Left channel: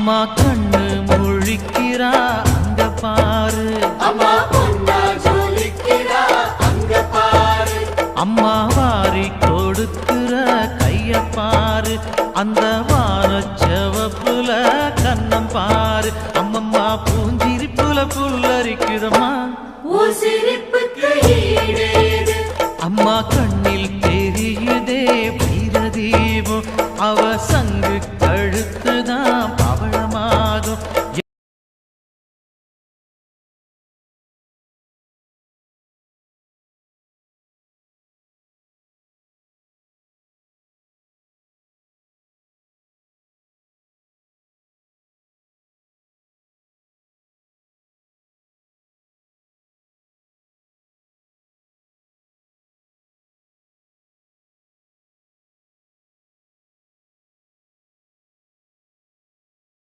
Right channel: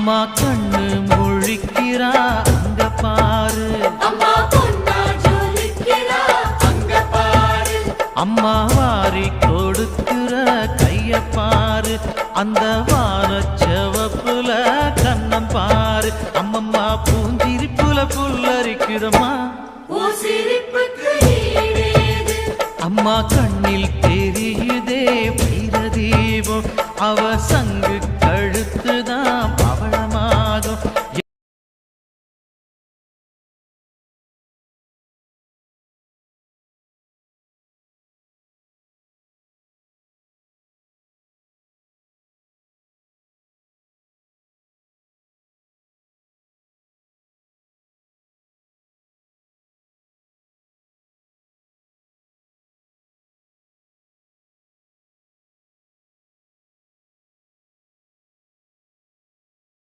அம்மா கண்ணு முழிக்கிறா அங்க பாரு, அம்மா வாரி கொடுக்கிற கைய பாரு, அந்த வானச்சவப்புல கண்ணம் பாரு. அம்மம்மா பூஞ்சிரிப்புல புல்லரிக்குதம்மா, அம்மா கண்ணில் தெரியுதே வைரதீபம், அவ சங்கு கழுத்துதான் பவள